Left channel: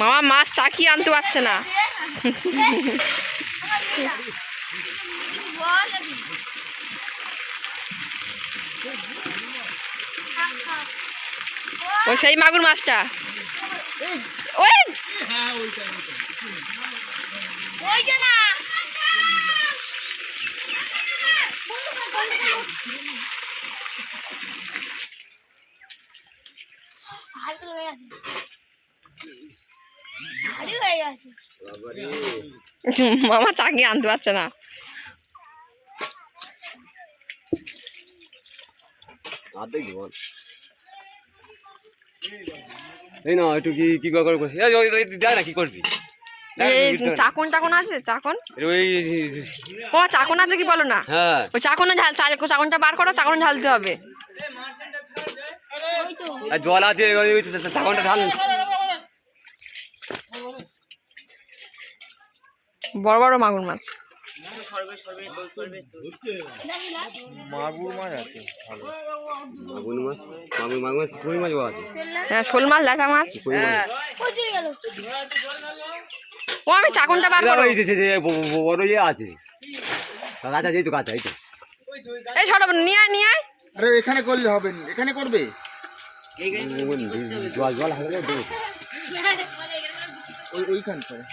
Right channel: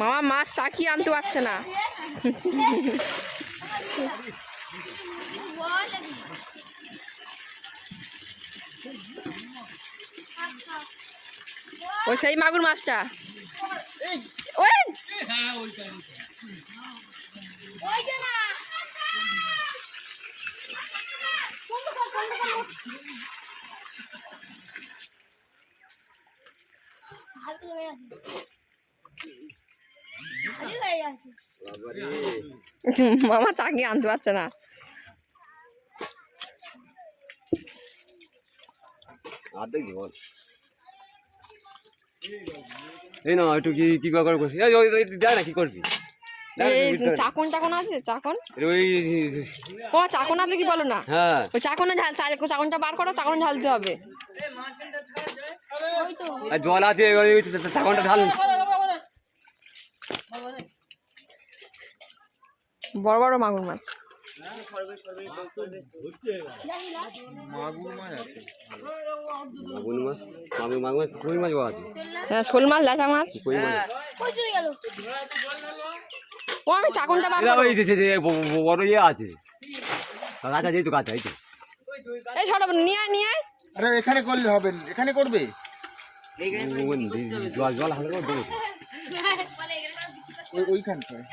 মামা মাছ চাকি আনতে পারছে না। ও সেই মাগুর মাছটা ওই মামা চাকি আনতে পারছে না। এই না একটু কি করে করছিস যা না কি করবি চাকন টাকন আছে চাকন ও চাকন আছে কি বলো না ওই চাকনে চাকনটা বার করো চাকন ঢালতে হবে জল আছে চাকনটা ঢাল বড় বড় মাগুর মাছ হ্যাঁ শোল মাছ ল্যাটা মাছ ও আমি চাকনটা বার করো বড় ইয়ে আছে কাঁচা যেহেতু কাঁচা এই তো এই ছোট নিয়ে আয় নিয়ে আয় আরে এখানে করলে হবে এখানে করবে জল জল হালকা দেবো এইখানটায়